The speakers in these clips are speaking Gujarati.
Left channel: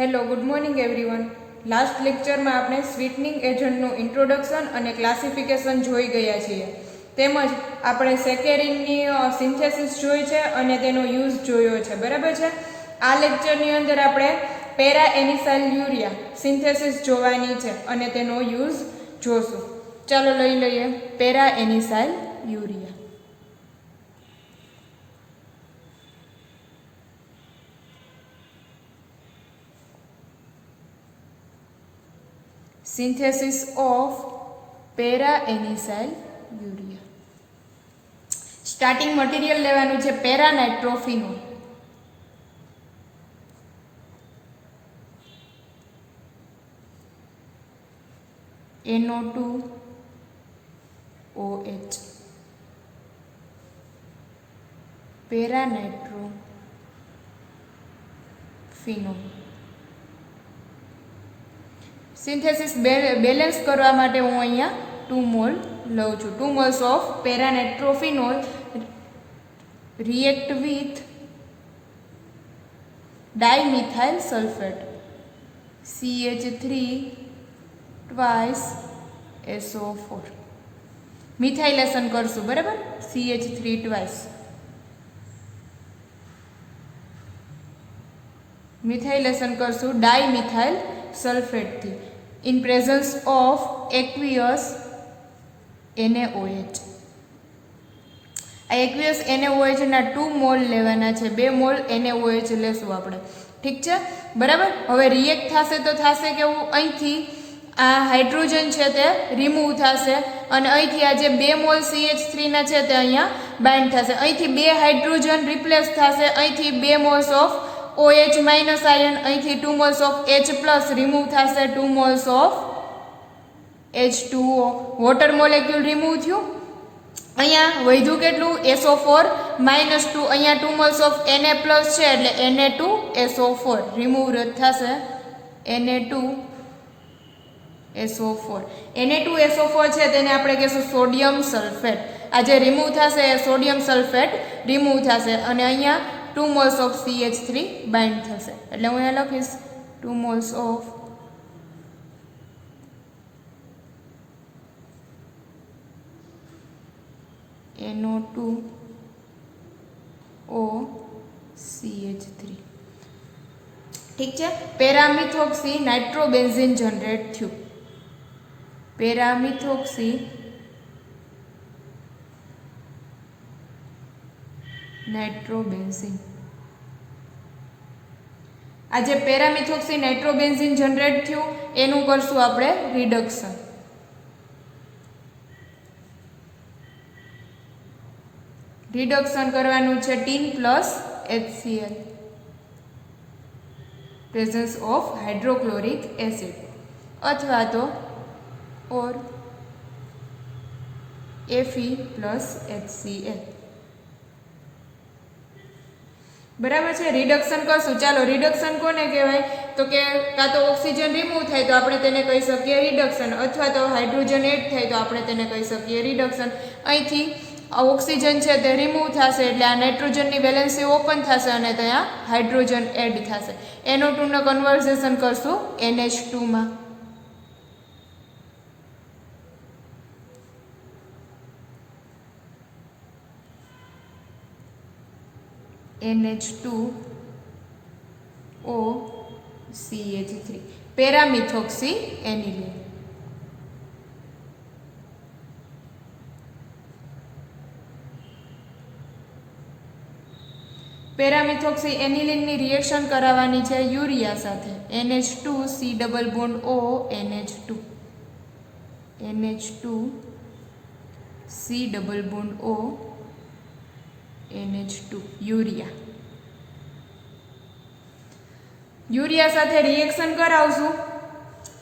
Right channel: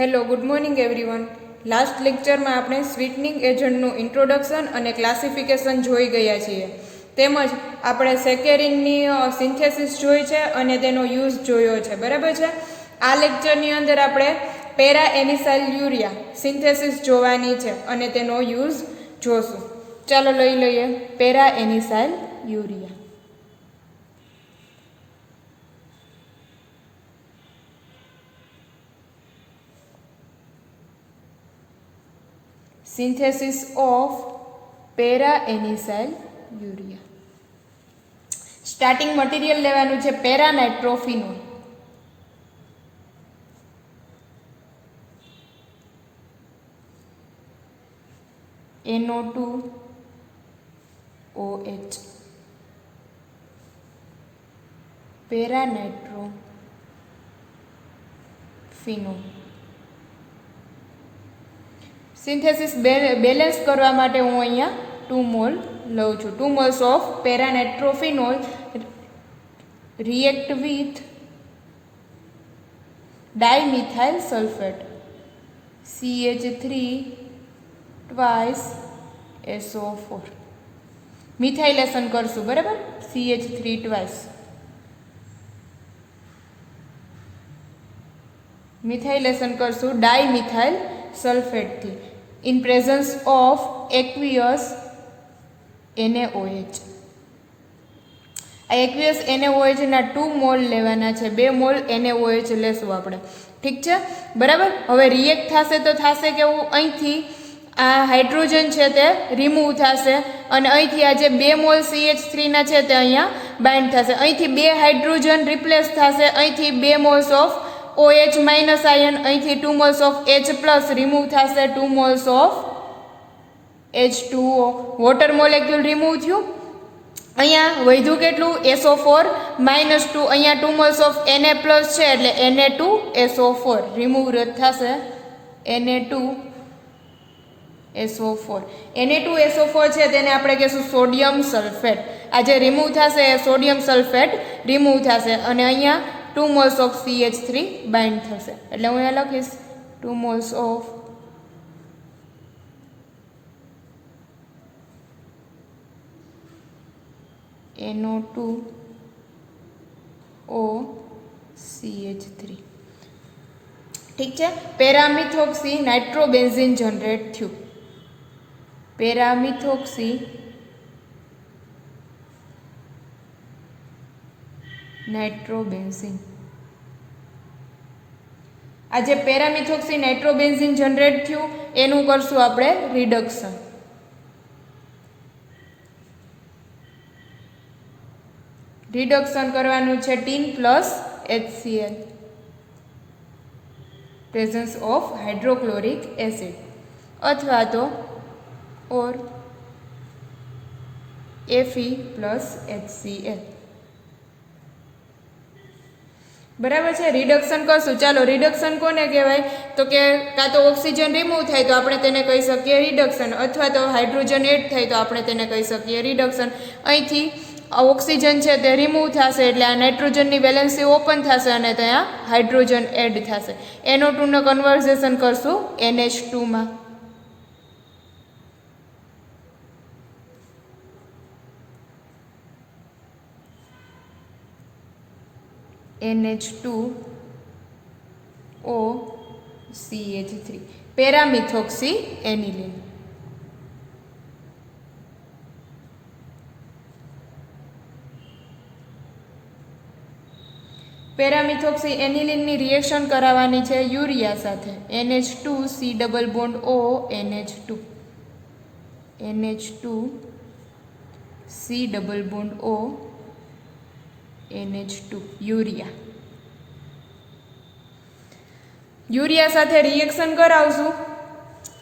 Hello, good morning everyone. Last લેક્ચરમાં આપણે સ્વીટનિંગ એજન્ટનું ઇન્ટ્રોડક્શન અને ક્લાસિફિકેશન જોઈ ગયા છીએ. તેમજ આપણે સેકેરિનની સિન્થેસિસ જોઈ છે અને તેનો યુઝ જોયો છે. બરાબર છે. આ લેક્ચરની અંદર આપણે પેરા એનિસાઇલ યુરિયા સિન્થેસિસ જોવાની છે અને તેનો યુઝ જોશું. ચાલો લઈ લઈએ para anisyl urea. Synthesis of para-anisile urea. Starting material લેવાનું છે પેરાનાઇટ્રોફિનોલ. NO2OH પેરાનાઇટ્રોફિનોલ. સિન્થેસિસ બેલેન્સ કરવા માટે હું અહીંયા 2 મોલ લઉં છું. 2 moles of para nitrophenol react with dimethyl sulphate CH3 twice SO4. Methylation કરશું. બરાબર. CH3 ટ્વાઇસ મિથાઇલેશન કરશું ડાયમિથાઇલ સલ્ફેટથી in presence of aqueous NaOH. આ aqueous NaOH ના 2 મોલ લેવાના છે. 2 મોલ NaOH લેશું આપણે. ઠીક છે. બરાબર. હવે રિએક્ટ થશે તો થશે કેવું, અહીંથી આ હાઇડ્રોજન છે તે રિમૂવ થશે અને અહીંથી આ જે 2 મોલ CH3 ના છે તે અહીંયા બાઇન્ડ થશે. અહીંથી 2 હાઇડ્રોજન રિપ્લેસ થશે. અહીંથી 2 moles of OH minus ion, અહીંથી 2 moles of H plus remove થશે. 2 moles of H2O water molecule remove થયું. અહીંયા વધ્યું કેટલું, SO4 માઇનસ 2. અહીંયા 2 મોલ્સ ઓફ Na પ્લસ છે એટલે Na2SO4 રિમૂવ થશે. Na2SO4 Na2SO4 છે તેને આપણે કહીશું સોડિયમ સલ્ફેટ. આ જે રિમૂવ થશે એ સોડિયમ સલ્ફેટ રિમૂવ થશે અને અહીંયા 2 moles of CH3 બાઇન્ડ થશે. એટલે હું અહીંયા લખીશ 2 moles of NO2OCH3. ઠીક છે. પેરામિથોક્સી નાઇટ્રોબેન્ઝીન જનરેટ થયું. પેરામિથોક્સી નાઇટ્રોબેન્ઝીન. આ જે પેરામિથોક્સી નાઇટ્રોબેન્ઝીન જનરેટ થયું એનું કરશું આપણે રિડક્શન. રિડક્શન કરવાનું છે tin plus HCl presence of hydrochloric acid અથવા તો ઓર Fe પ્લસ HCl. બરાબર છે. રિડક્શન કરશું. ચાલો રિડક્શન કોને કહેવાય તો કે કાં તો ઓક્સિજન રિમૂવ થાય તો આપણે તેને કહી શકીએ રિડક્શન, અથવા તો હાઇડ્રોજન એડ થાય તો આપણે તેને કહી શકીએ રિડક્શન. અહીંથી ઓક્સિજન છે તે રિમૂવ થશે એટલે આ નાઇટ્રોજનની વેલેન્સી ઓપન થશે અને ત્યાં હાઇડ્રોજન એડ થશે. NO2 નું કન્વર્ઝેશન કરશું NH2 માં. NH2OCH3 પેરામિથોક્સી aniline. પેરામિથોક્સી એનિલિનની રિએક્શન કરાવવાની છે યુરિયા સાથે. NH2C double bond O NH2 NH2C double bond O NH2 urea. Urea સાથે રિએક્શન કરાવશું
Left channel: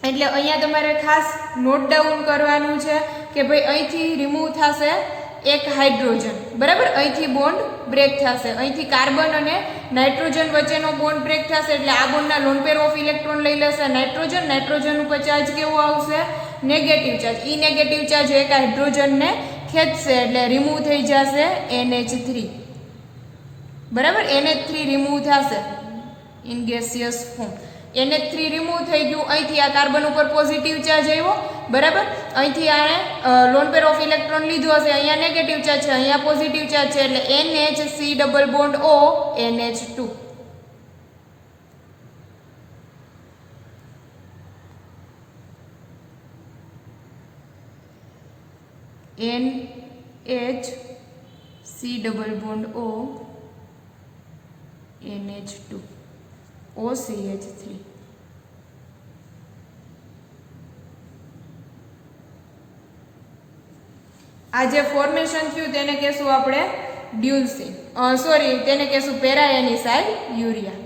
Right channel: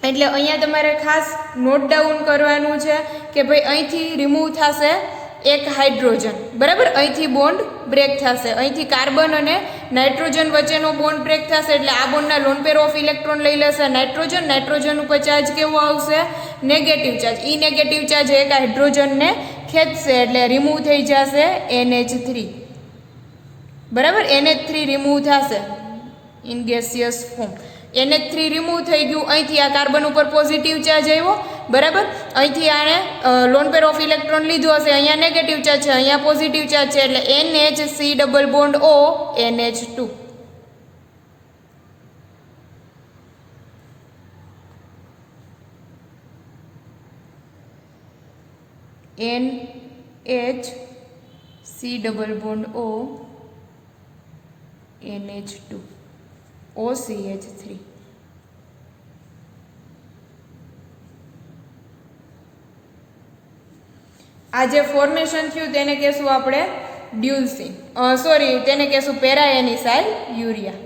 એટલે અહીંયા તમારે ખાસ નોટ ડાઉન કરવાનું છે કે ભાઈ અહીંથી રિમૂવ થશે એક હાઇડ્રોજન. બરાબર. અહીંથી બોન્ડ બ્રેક થશે. અહીંથી કાર્બન અને નાઇટ્રોજન વચ્ચેનો બોન્ડ બ્રેક થશે એટલે આ બોન્ડના લોન પેર ઓફ ઇલેક્ટ્રોન લઈ લેશે નાઇટ્રોજન. નાઇટ્રોજન ઉપર ચાર્જ કેવો આવશે, નેગેટિવ ચાર્જ. ઈ નેગેટિવ ચાર્જ એક હાઇડ્રોજનને ખેંચશે એટલે રિમૂવ થઈ જશે NH3. બરાબર. NH3 રિમૂવ થશે in gaseous form. NH3 remove થઈ ગયું, અહીંથી આ કાર્બન ઉપર પોઝિટિવ ચાર્જ આવ્યો, બરાબર. અહીંથી આને લોન પેર ઓફ ઇલેક્ટ્રોન લીધો હશે, અહીંયા નેગેટિવ ચાર્જ છે, અહીંયા પોઝિટિવ ચાર્જ છે, એટલે NHC double bond O NH2. NHC double bond O NH2 OCH3. આ જે ફોર્મેશન થયું તેને કહેશું આપણે ડ્યુલસીન, સોરી તેને કહેશું પેરાએનિસાઇલ યુરિયા.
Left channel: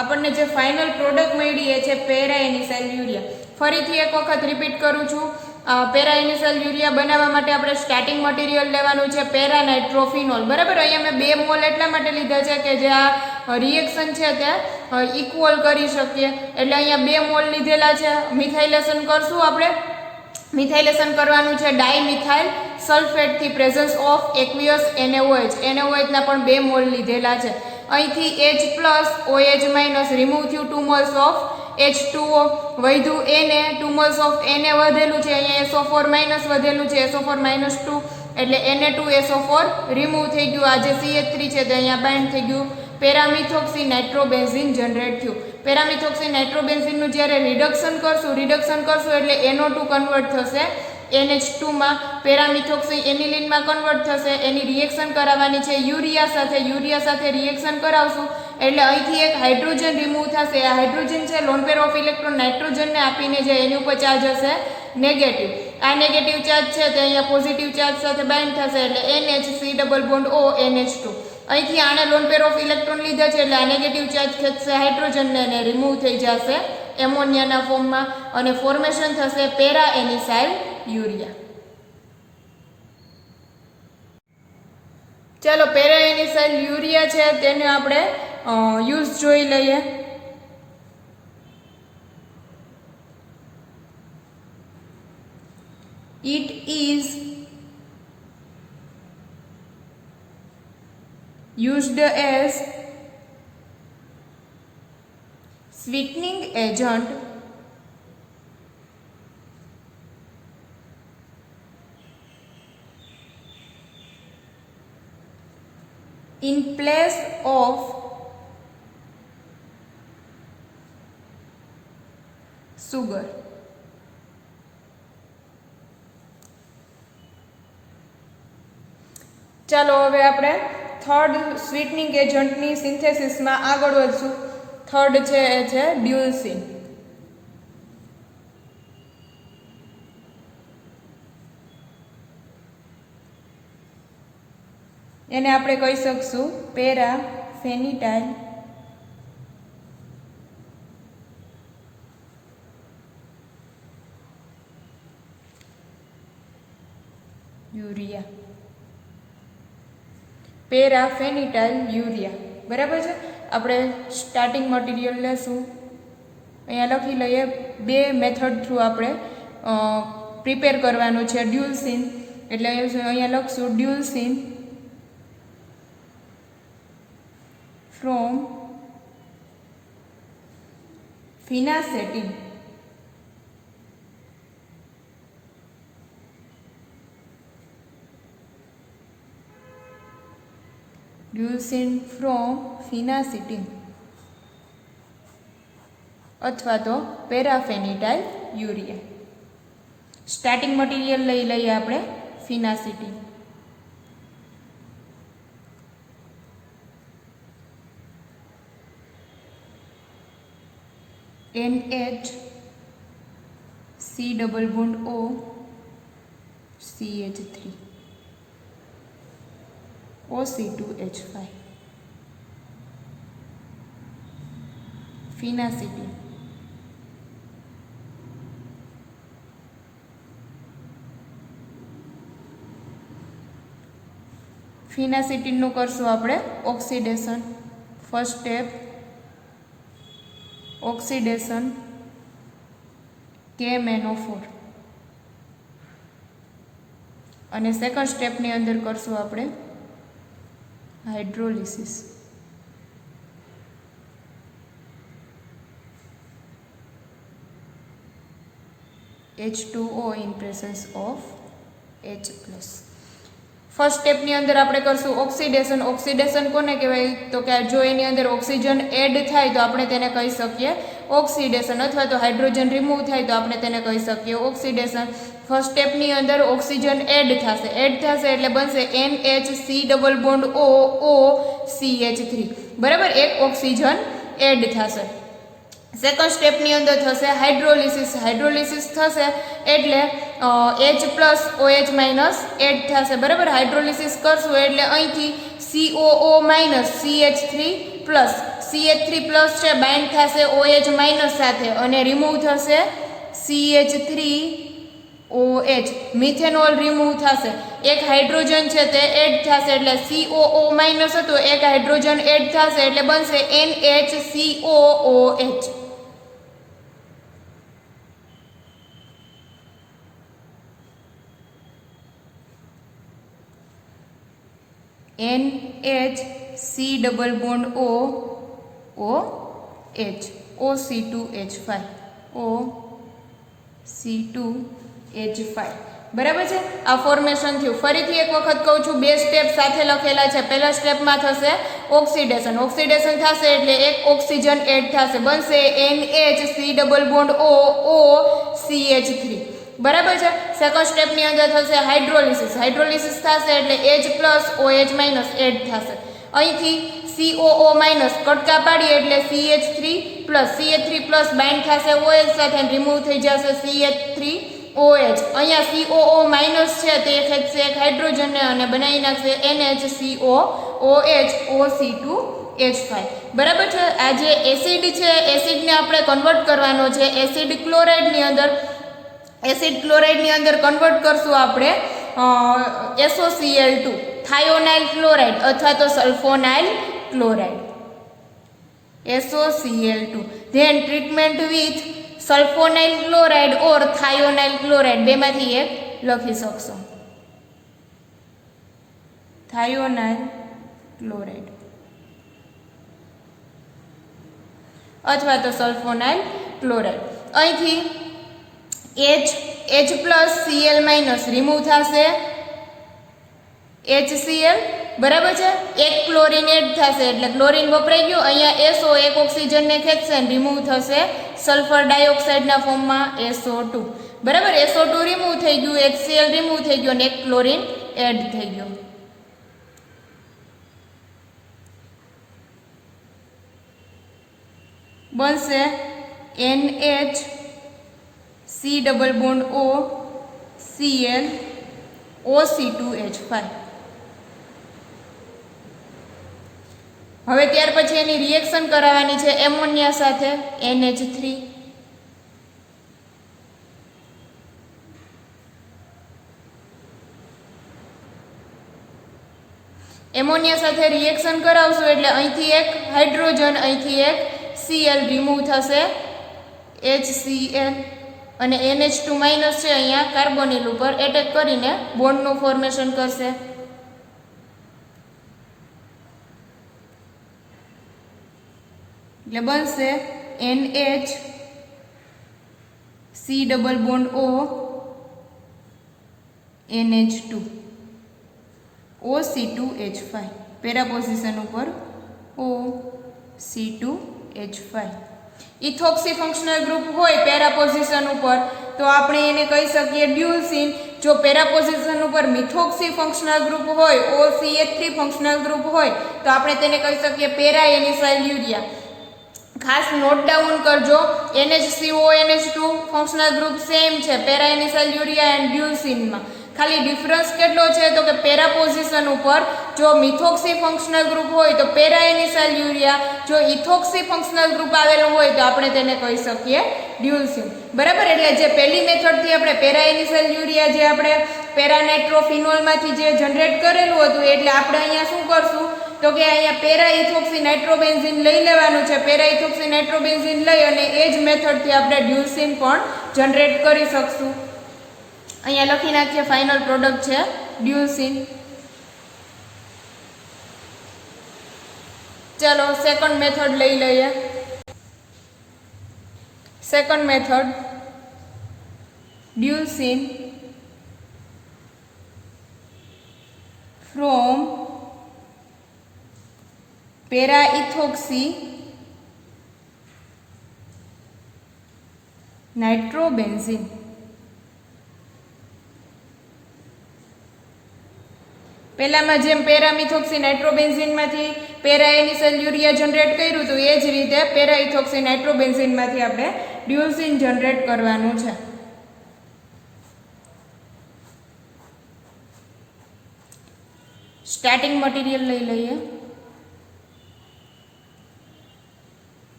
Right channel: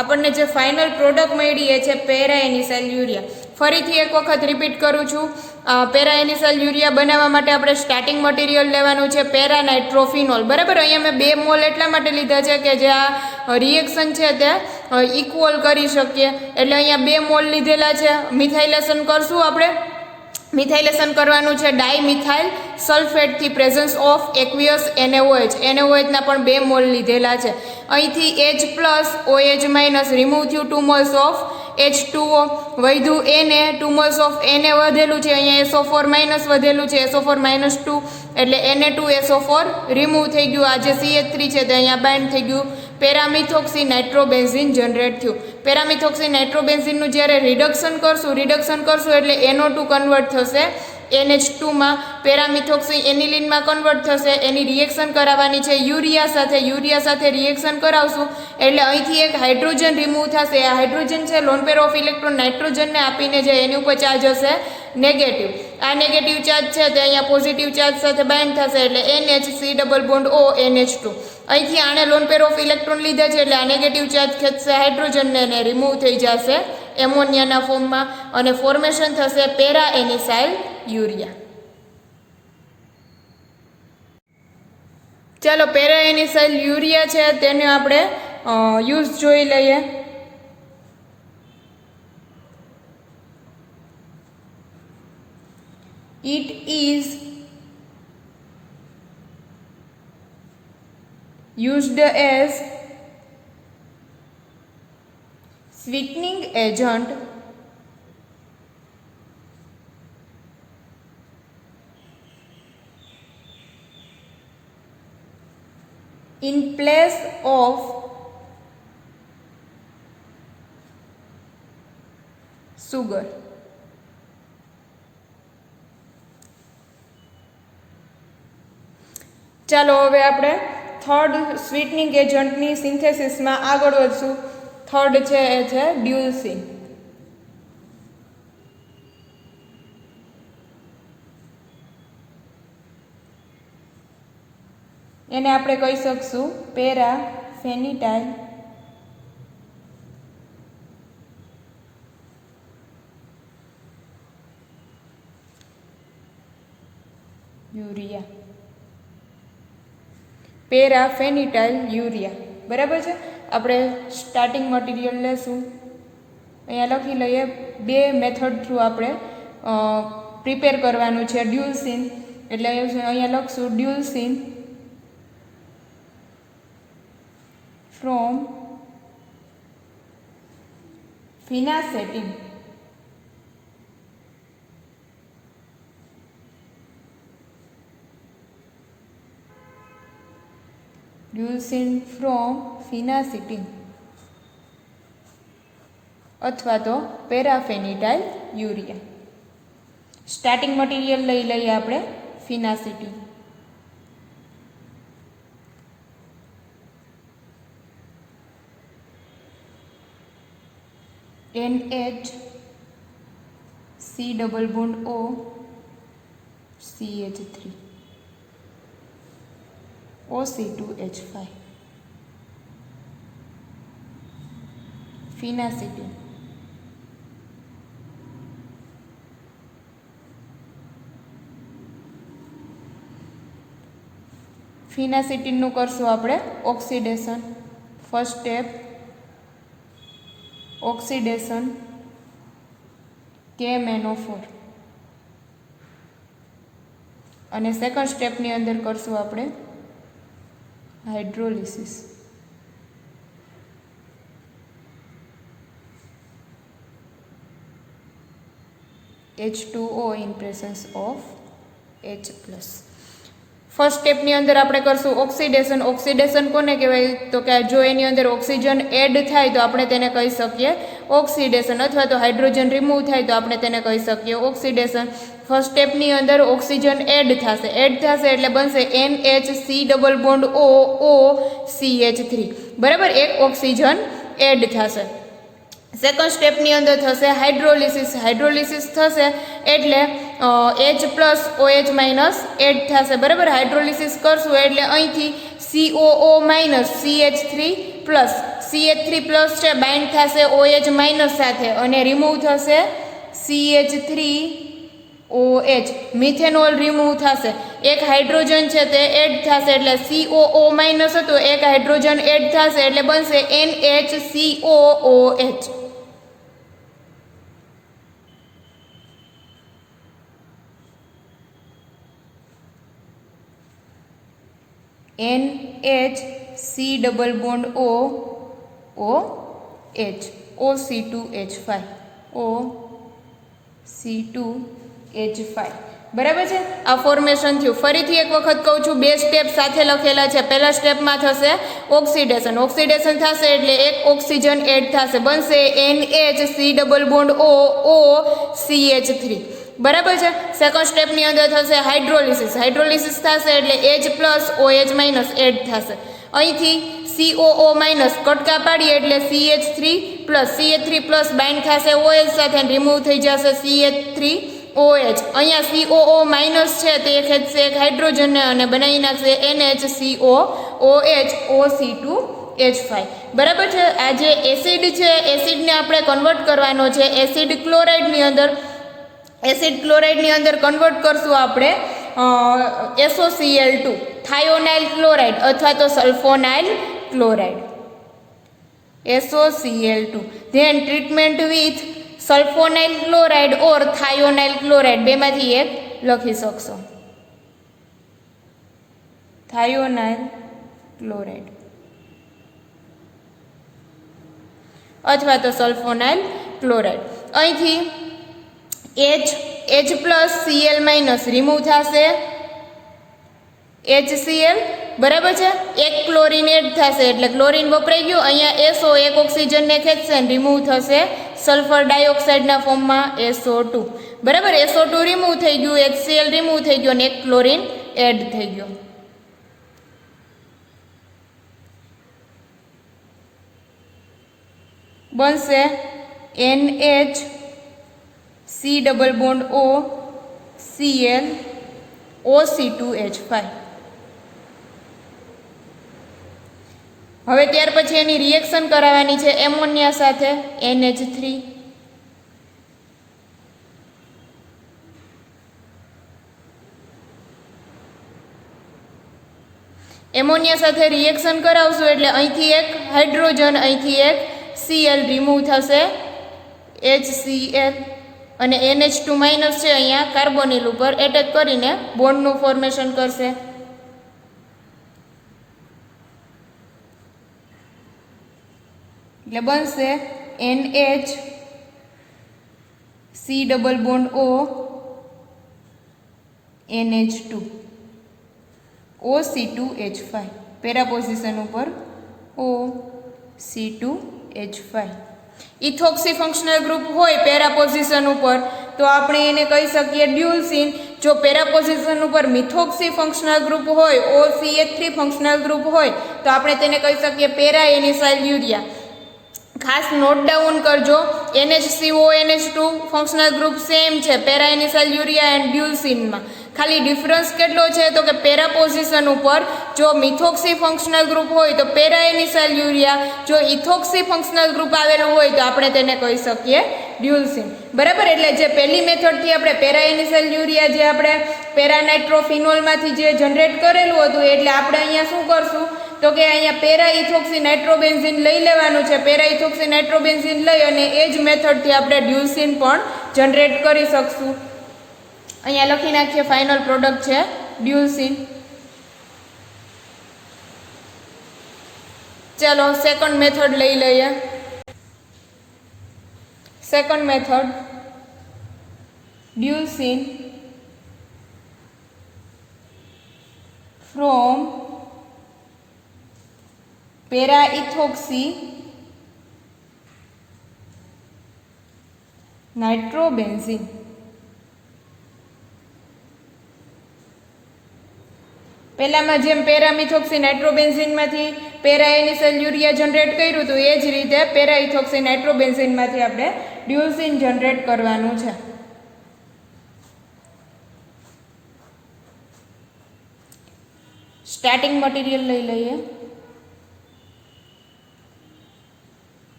આપણને જે ફાઇનલ પ્રોડક્ટ મળી એ છે પેરાએનિસાઇલ યુરિયા. ફરીથી એક વખત રિપીટ કરું છું, પેરાએનિસાઇલ યુરિયા બનાવવા માટે આપણે સ્ટાર્ટિંગ મટીરિયલ લેવાનું છે પેરાનાઇટ્રોફિનોલ, બરાબર. અહીંયા મેં 2 મોલ એટલા માટે લીધા છે કે જે આ રિએક્શન છે તે ઇક્વલ કરી શકીએ, એટલે અહીંયા 2 મોલ લીધેલા છે. મિથાઇલેશન કરશું આપણે, મિથાઇલેશન કરવાનું છે ડાયમિથાઇલ સલ્ફેટથી presence of aqueous NaOH. NaOH ના પણ 2 મોલ લીધેલા છે. અહીંથી H plus OH minus remove થયું, 2 મોલ્સ ઓફ H2O વધ્યું, Na 2 મોલ્સ ઓફ Na વધેલું છે, અહીંયા SO4 માઇનસ વધેલું છે, SO4 માઇનસ 2 એટલે Na2SO4 રિમૂવ થઈ ગયું. આ જે CH3 છે તે અહીંયા બાઇન્ડ થઈ ગયું, પેરામિથોક્સી નાઇટ્રોબેન્ઝીન જનરેટ થયું. પેરામિથોક્સી નાઇટ્રોબેન્ઝીનનું જ્યારે રિડક્શન કરશું એટલે NO2 કન્વર્ટ થશે NH2 માં, પેરામિથોક્સી એનિલિનમાં કન્વર્ટ થશે, એની રિએક્શન કરાવવાની છે યુરિયા સાથે રિએક્શન કરાવશું એટલે અહીંથી એક હાઇડ્રોજન રિમૂવ થશે. આ હાઇડ્રોજન છે લોન પેર ઓફ ઇલેક્ટ્રોન નાઇટ્રોજનને આપીને જે એની ઉપર ચાર્જ હશે નેગેટિવ. આ નેગેટિવ ચાર્જ છે તે અહીંયા પોઝિટિવ ચાર્જ સાથે બાઇન્ડ થશે એટલે NHC double bond O NH2. અહીંથી આને લોન પેર ઓફ ઇલેક્ટ્રોન લીધા છે એટલે આ નેગેટિવ ચાર્જ ખેંચશે હાઇડ્રોજનને અને રિમૂવ થઈ જશે એમોનિયાના ફોર્મમાં અને ફોર્મેશન થશે પેરાએનિસાઇલ યુરિયા. ચાલો પેરાએનિસાઇલ યુરિયા છે તેને આપણે યુઝ જોઈ લઈએ. It is used as sweetening agent in place of sugar. ચાલો હવે આપણે થર્ડ સ્વીટનિંગ એજન્ટની સિન્થેસિસમાં આગળ વધશું. થર્ડ છે એ છે ડ્યુલસીન. એને આપણે કહી શકશું પેરાફેનિટાઇલ યુરિયા. પેરાફેનિટાઇલ યુરિયા, બરાબર છે. આપણે સ્ટાર્ટિંગ મટીરિયલ લેશું, અહીંયા લખી લઈએ. 2 મેથડ થ્રુ આપણે પ્રિપેર કરવાનું છે ડ્યુલસીન, એટલે અહીંયા લખશું ડ્યુલસીન from phenacetin. Leucine from phenacetin અથવા તો પેરાફેનિટાઇલ યુરિયા. સ્ટાર્ટિંગ મટીરિયલ લઈ લઈએ આપણે ફિનાસિટીન. NHC double bond O CH3 OC2H5 ફિનાસિટીન. ફિનાસિટીનનું કરશું આપણે oxidation. First step oxidation KMnO4. અને સેકન્ડ સ્ટેપની અંદર કરશું આપણે hydrolysis. H2O in presence of H+. First સ્ટેપની અંદર આપણે કરશું ઓક્સિડેશન. ઓક્સિડેશન કોને કહેવાય? તો કે જો એની અંદર ઓક્સિજન એડ થાય તો આપણે તેને કહી શકીએ ઓક્સિડેશન, અથવા તો હાઇડ્રોજન રિમૂવ થાય તો આપણે તેને કહી શકીએ ઓક્સિડેશન. ફર્સ્ટ સ્ટેપની અંદર ઓક્સિજન એડ થશે એટલે બનશે NH3 બરાબર, એક ઓક્સિજન એડ થશે. સેકન્ડ સ્ટેપની અંદર થશે હાઇડ્રોલિસિસ. હાઇડ્રોલિસિસ થશે એટલે H+OH- એડ થશે બરાબર. હાઇડ્રોલિસિસ કરશું એટલે અહીંથી COO- CH3 છે બાઇન્ડ થશે OH- સાથે અને રિમૂવ થશે CH3OH, મિથેનોલ રિમૂવ થશે. એક હાઇડ્રોજન છે તે એડ થશે એટલે COO- હતો, એક હાઇડ્રોજન એડ થશે એટલે બનશે NHCOOH. NHC=OOH OC2H5 OC2H5 બરાબર છે. આ ફોર્મેશન થયું. ફરીથી એક વખત કહું છું, બે સ્ટેપ સાથે લખેલા છે. પહેલા સ્ટેપમાં થશે ઓક્સિડેશન. ઓક્સિડેશન થશે એટલે એક ઓક્સિજન એડ થશે, બનશે NHC=OOCH3 બરાબર છે. સેકન્ડ સ્ટેપની અંદર થશે હાઇડ્રોલિસિસ. હાઇડ્રોલિસિસ થશે એટલે H+OH- એડ થશે. અહીંથી COO- કટકા પાડીએ એટલે CH3+ બાઇન્ડ થશે OH સાથે અને રિમૂવ થઈ જશે CH3OH. અહીંયા COO- છે તે ખેંચશે એક હાઇડ્રોજનને અને બનાવી નાખશે NHCOOH OC2H5 બરાબર છે. આ જે એસિડ છે, એસિડને આપણે કન્વર્ટ કરવાનો છે. એસિડ ક્લોરાઇડની અંદર કન્વર્ટ કરશું આપણે SOCl2 થાયોનાઇલ ક્લોરાઇડ અથવા તો sulphonyl chloride SOCl2. Then treatment with sulphonyl chloride or thionyl chloride, બેમાંથી એક લખી શકશો. થાયોનાઇલ ક્લોરાઇડ અથવા તો સલ્ફોનાઇલ ક્લોરાઇડ. અહીંથી H+Cl- રિમૂવ થશે HCl બરાબર છે. એક ક્લોરીન એડ થશે એટલે ક્લોરીન વપરાઈ ગયું. અહીંયા SO એક ઓક્સિજનને ખેંચશે અને રિમૂવ થશે સલ્ફર ડાયોક્સાઇડના ફોર્મમાં SO2 બરાબર. SO2 રિમૂવ થઈ ગયું, HCl રિમૂવ થઈ ગયું અને એક ક્લોરીન એડ થઈ ગયું. બનશે NHC=OCl OC2H5. હવે ત્યાર પછી એની રિએક્શન કરાવવાની છે એમોનિયા સાથે NH3. એમોનિયા સાથે રિએક્શન કરાવશું એટલે અહીંથી એક હાઇડ્રોજન, અહીંથી એક Cl રિમૂવ થશે HCl અને NH2- છે અહીંયા કાર્બોનિલ ઉપર એટેક કરીને બોન્ડનું ફોર્મેશન કરશે. એટલે બનશે NHC=ONH2 OC2H5 પેરા પોઝિશન ઉપર OC2H5. ઇથોક્સી ફંક્શનલ ગ્રુપ હોય પેરા પોઝિશન ઉપર તો આપણે એને કહી શકીએ ડ્યુલસીન. જો પેરા પોઝિશન ઉપર મિથોક્સી ફંક્શનલ ગ્રુપ હોય, OCH3 ફંક્શનલ ગ્રુપ હોય તો આપણે તેને કહી શકીએ પેરા એનિસાઇલ યુરિયા. ખાસ નોટ ડાઉન કરજો, NHCONH2 ફંક્શનલ ગ્રુપ સેમ છે પેરા એનિસાઇલ યુરિયા એન્ડ ડ્યુલસીનમાં. ખાલી ડિફરન્સ કેટલો છે તો કે પેરા પોઝિશન ઉપર જો મિથોક્સી ફંક્શનલ ગ્રુપ હોય તો પેરા એનિસાઇલ યુરિયા, જો ઇથોક્સી ફંક્શનલ ગ્રુપ આવેલું હોય તો આપણે તેને કહી શકીએ ડ્યુલસીન બરાબર. એટલે જે પહેલી મેથડથી આપણે પેરા એનિસાઇલ યુરિયા જે આપણે પેરાનાઇટ્રોફિનોલમાંથી જે જનરેટ કરેલું હતું એટલે આપણે અહીંયા શું કરશું તો કે અહીંયા પેરા ઇથોક્સી નાઇટ્રોબેન્ઝીન લઈ લેવાનું છે. પેરા ઇથોક્સી નાઇટ્રોબેન્ઝીન લઈ અને એ જ મેથડથી આપણે ડ્યુલસીન પણ જનરેટ કરી શકશું. અહીંયા લખી નાખીએ ફાઇનલ પ્રોડક્ટ છે ડ્યુલસીન. ચલો સેકન્ડ મેથડ લઈ લઈએ. Second method dulcin from para ethoxy nitrobenzene. પહેલામાં જેમ પેરામિથોક્સી નાઇટ્રોબેન્ઝીનમાંથી પેરાએનિસેલ યુરિયા જનરેટ કર્યું હતું એ જ રીતે પેરાઇથોક્સી નાઇટ્રોબેન્ઝીનમાંથી આપણે ડ્યુલસીન જનરેટ કરવાનું છે. સ્ટાર્ટિંગ મટીરિયલ લઈ લઈએ.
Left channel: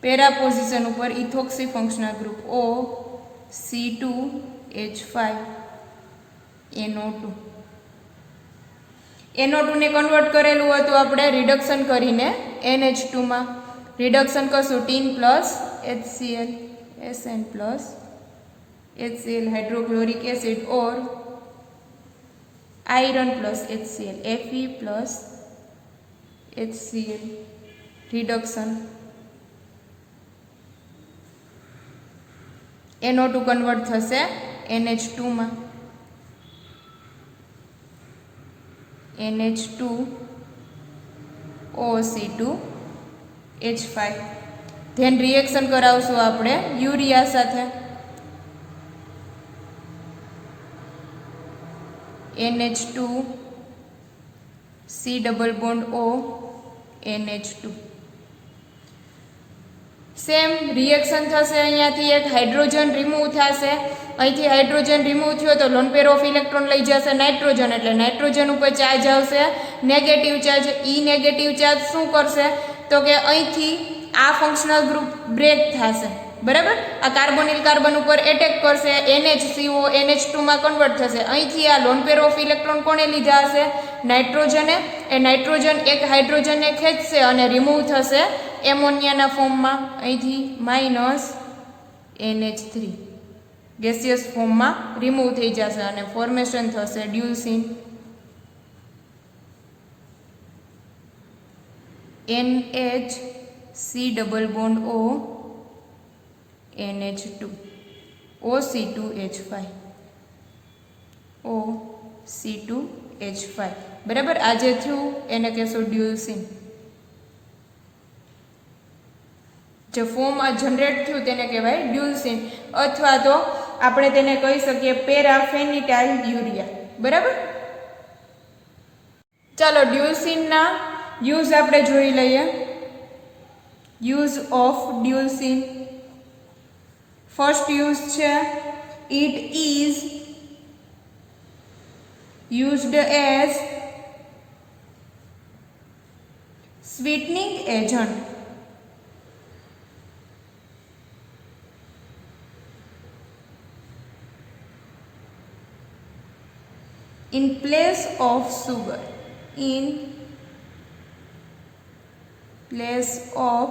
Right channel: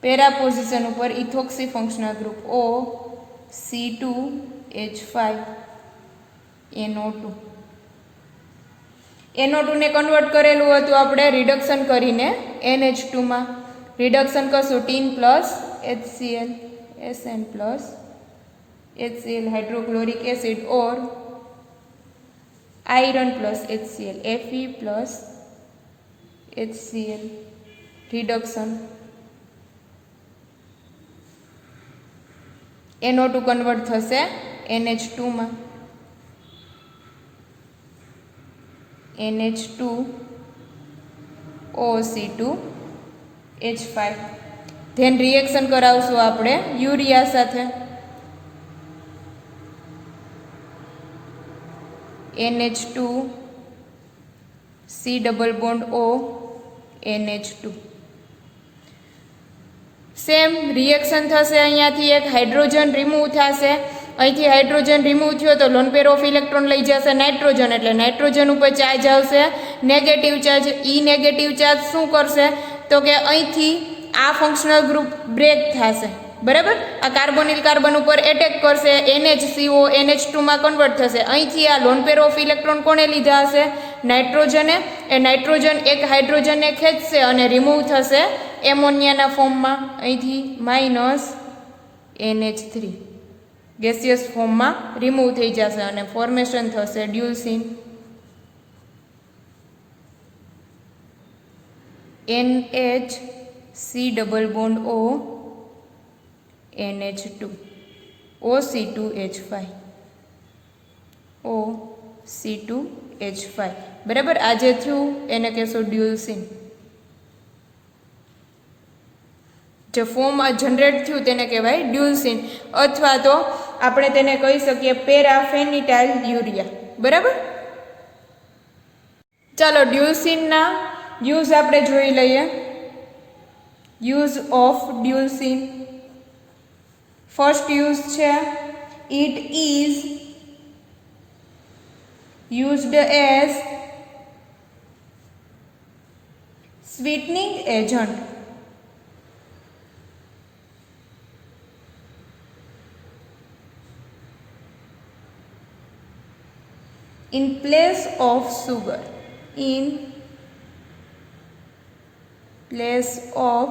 પેરા પોઝિશન ઉપર ethoxy functional group O C2H5 NO2. NO2 ને કન્વર્ટ કરેલું હતું આપણે રિડક્શન કરીને NH2 માં. રિડક્શન કરશું tin plus HCl SN plus HCl hydrochloric acid or iron plus HCl Fe plus HCl reduction NO2 convert થશે NH2 માં. NH2 OC2H5. ધેન રિએક્શન કરાવશું આપણે યુરિયા સાથે. NH2 C double bond O NH2. Same reaction થશે. અહીંયાથી એક હાઇડ્રોજન રિમૂવ થશે. અહીંથી હાઇડ્રોજન રિમૂવ થયો તો લોન પેર ઓફ ઇલેક્ટ્રોન લઈ જશે નાઇટ્રોજન, એટલે નાઇટ્રોજન ઉપર ચાર્જ આવશે નેગેટિવ ચાર્જ. ઈ નેગેટિવ ચાર્જ શું કરશે તો કે અહીંથી આ ફંક્શનલ ગ્રુપ બ્રેક થશે. બરાબર, આ કાર્બોનિલ કાર્બન ઉપર એટેક કરશે, NHCO NH2 માં કન્વર્ટ થશે. અહીંથી આ લોન પેર ઓફ ઇલેક્ટ્રોન કોણે લીધા હશે? નાઇટ્રોજને. એ નાઇટ્રોજન એક હાઇડ્રોજનને ખેંચશે અને રિમૂવ થશે એમોનિયાના ફોર્મમાં. અહીંથી માઇનસ NH3 ગેસિયસ ફોર્મમાં રિમૂવ થઈ જશે અને ફોર્મેશન થશે ડ્યુલસીન. NHC double bond O NH2 OC2H5 OC2H5. બરાબર, આ જે થયું એને કહેશો ડ્યુલસીન. જે ફોર્મ જનરેટ થયું તેને કહેવાય ડ્યુલસીન, અથવા તો આપણે તેને કહી શકીએ પેરાફેનિટાઇલ યુરિયા. બરાબર, ચાલો ડ્યુલસીનના યુઝ આપણે જોઈ લઈએ. Use of dulcin. First use છે it is used as sweetening agent. In place of sugar. In place of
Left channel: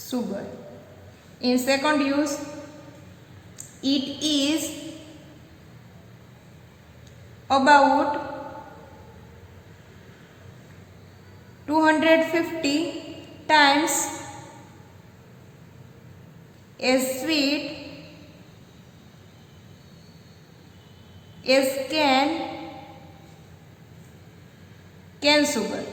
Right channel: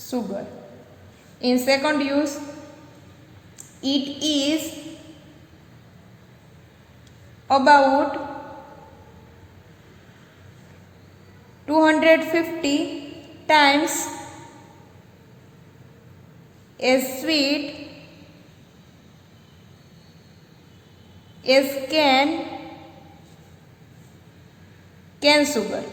sugar. In second use, it is about 250 times as sweet as cane sugar.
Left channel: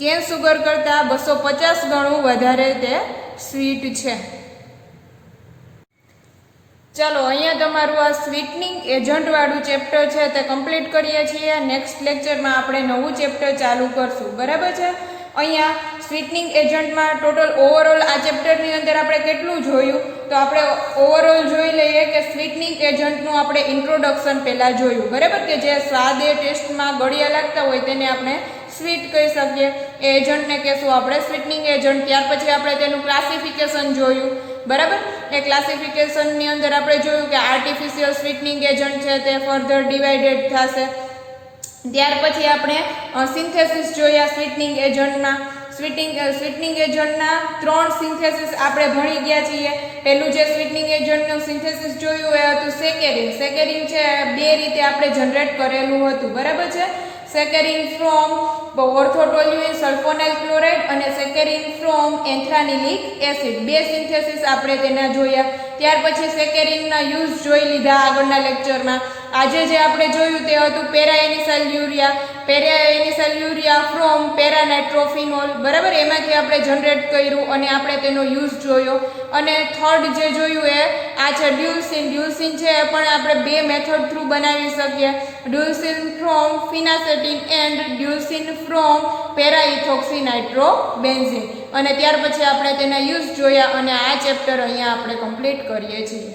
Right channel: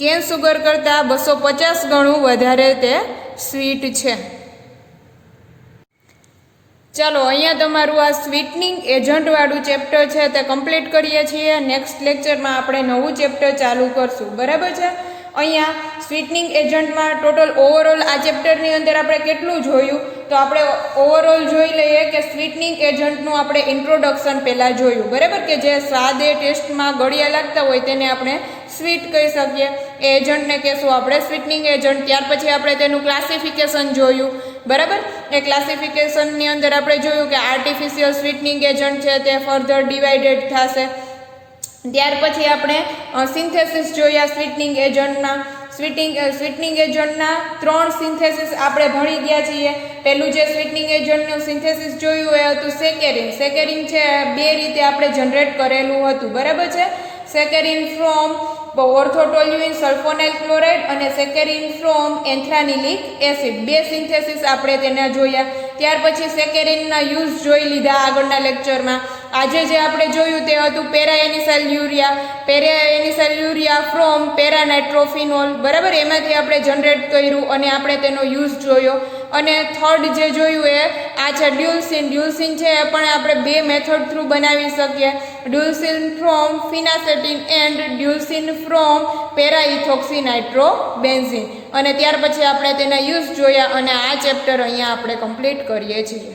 Can sugar કરતાં 250 ગણું વધારે તે સ્વીટ છે. ચાલો અહીંયા તમારું આ સ્વીટનિંગ એજન્ટ વાળું ચેપ્ટર છે તે કમ્પ્લીટ કરીએ છીએ. નેક્સ્ટ લેક્ચરમાં આપણે નવું ચેપ્ટર ચાલુ કરશું. બરાબર છે. અહીંયા સ્વીટનિંગ એજન્ટમાં ટોટલ ઓવરઓલ આ ચેપ્ટરની અંદર આપણે કેટલું જોયું તો આપણે ઓવરઓલ જોઈ લઈએ કે સ્વીટનિંગ એજન્ટનું આપણે ઇન્ટ્રોડક્શન પહેલાં જોયું. બરાબર, કે જે સ્વાદે ટેસ્ટમાં ગળિયા લાગતા હોય તેને આપણે સ્વીટ કહી શકીએ. એ એજન્ટને કહેશું આપણે સ્વીટનિંગ એજન્ટ. ત્યાર પછી આપણે તેનું ક્લાસિફિકેશન જોયું. બરાબર, એ ક્લાસિફિકેશનની અંદર આપણે જોયું કે આર્ટિફિશિયલ સ્વીટનિંગ એજન્ટ છે તે ફર્ધર ડિવાઇડેડ થશે. ત્યાર પછી આપણે સિન્થેસિસ જોયા સ્વીટનિંગ એજન્ટના. સ્વીટનિંગ એજન્ટના 3 સિન્થેસિસ આપણે ભણી ગયા છીએ. પહેલું જે સ્વીટનિંગ એજન્ટનું સિન્થેસિસ જોયું એ હતું સેકેરિન. સેકેરિન છે બે રીતે આપણે જનરેટ કરેલું હતું, બરાબર છે. સેકેરિન ફ્રોમ ઓર્થોટોલ્યુઇન સલ્ફોનાઇલ ક્લોરાઇડ અને સેકેરિન ફ્રોમ એન્થ્રાનિલિક એસિડ. બે સિન્થેસિસ આપણે તેના જોયા. ત્યાર પછી સેકેરિનના યુઝ જોઈ લીધા આગળના લેક્ચરમાં. આજે જે આપણે જોયું તે હતું પેરાએનિસાઇલ યુરિયા ફ્રોમ પેરાનાઇટ્રોફિનોલ, બરાબર. એમાંથી આપણે જનરેટ કર્યું અને આપણે તેનો યુઝ જોયો. અને થર્ડ જે જોયું એ આ છે ડ્યુલસિન. ડ્યુલસિન છે એ પણ આપણે બે મેથડ થ્રુ બનાવી શકીએ. ડ્યુલસિન ફ્રોમ ફિનાસેટિન એન્ડ ડ્યુલસિન ફ્રોમ પેરાઇથોક્સીનાઇટ્રોબેન્ઝીન. અને ત્યાર પછી આપણે તેના યુઝ જોયા અને આ ચેપ્ટર અહીંયા આપણે કમ્પ્લીટ કરીએ છીએ.